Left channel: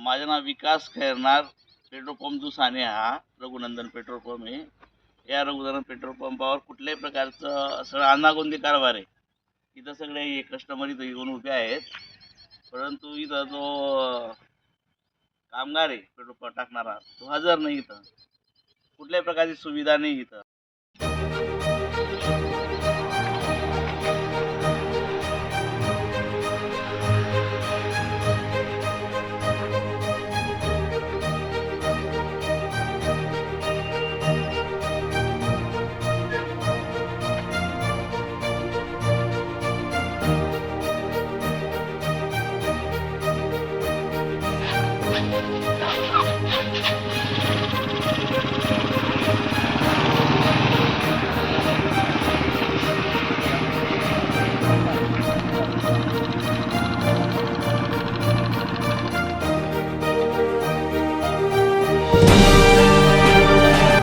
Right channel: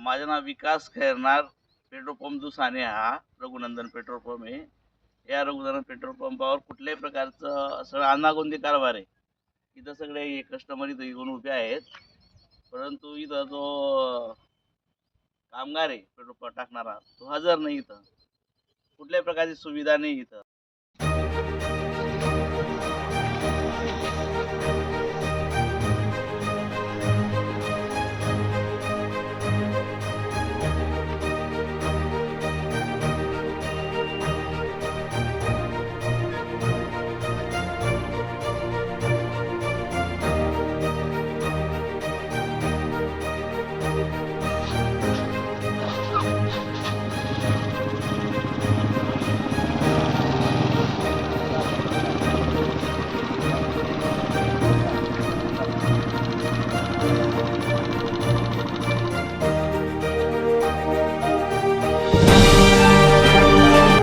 माझं नाव विकास Khairnar. Petrol pump जो साने हा रघुनंदन पेट्रोल पंप आहे. या रघुनंदन पेट्रोल पंपावर कुठल्याही प्रकारचं सगळं अनागोंदी कारभार आहे. इथं सगळे कस्टमर इथं येऊन उभे आहेत. परंतु इथं जो कामगार आहे पेट्रोल टाकणारा तो हजर नाही. इथं कुठल्याही प्रकारची सुविधा नाही इथं.